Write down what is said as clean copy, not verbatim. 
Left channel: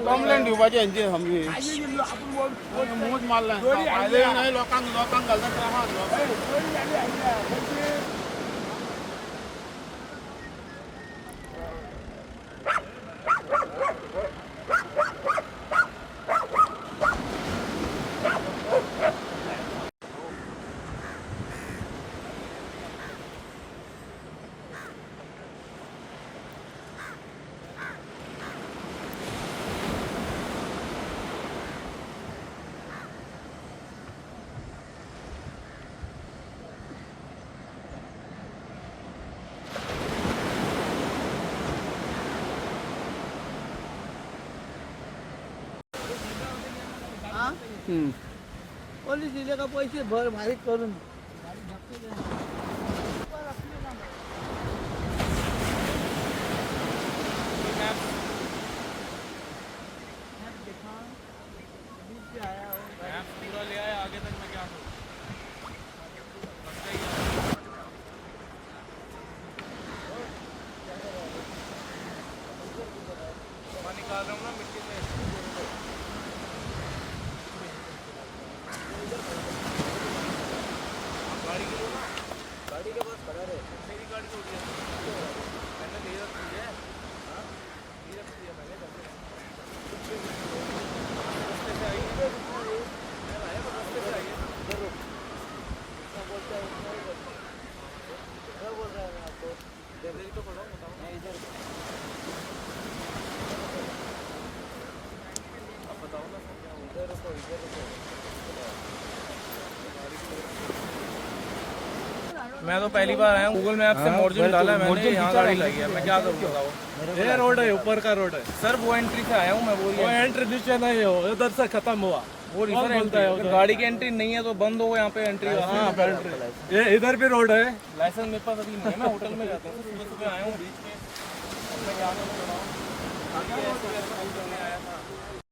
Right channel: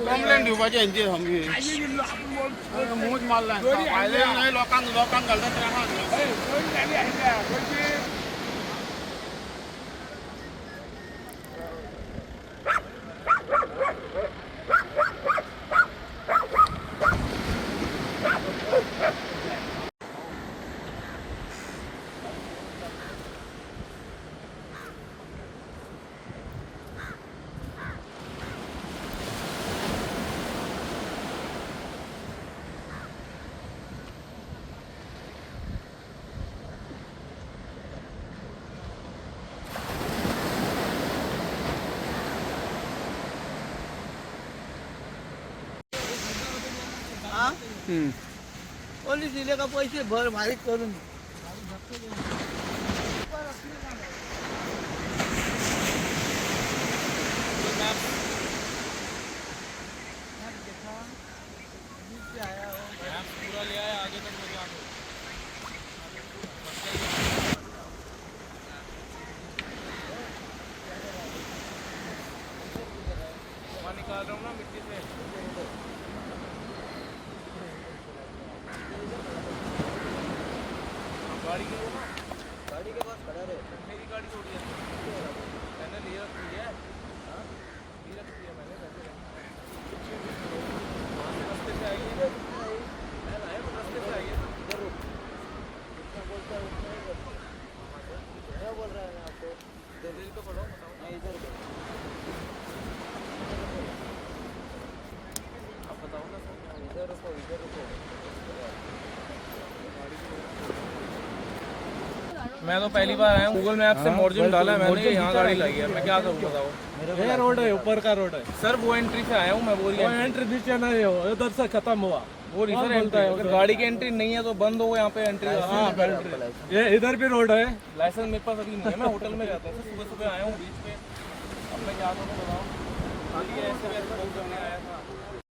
कंप्लेंट दिवपाची हेंची सामकी मूज मारला लोकांक घालता पोलीस दिले का पैसे भर माहीत करून पूरा ले आया आगे तक मैं क्या निकाल रहा हूँ ना मिट्टी से गाड़ी की लो ना गाड़ी के पास खड़ा रहे मेरी गाड़ी छोड़ी है मैंने ले रखी है ले रखी है मैंने वहाँ से रास्ते से आई है मैं लाया पर रास्ते से आई है ना इधर रुक जितना बोलता है उतना ही करता है क्या बोल रहा है मैं आपको इधर ही तो खड़ा हूँ बताओ मैं इधर आप बताओ ना सर क्या इधर रुको गाड़ी की मैं तो पहली बार आया हूँ गूगल मैप से मोरजिम डाला है मैंने यहाँ गाड़ी लगी है मैं क्या करूँ बताओ ये रोड है ऊपर का रोड है सर वो एंट्री से आया हूँ मैं वो एंट्री नीचे नहीं हो उधर से खत्म हुआ वो सर एंट्री अगर गाड़ी की एंट्री नहीं है तो बंद हो यहाँ पे एंट्री ये इधर भी रोड है लाइसेंस मेरे पास अभी नहीं है मैं होटल में रहता हूँ सुबह सुबह आया हूँ बीच पे अब मैं क्या करूँ बताओ खाली ऐसे आया था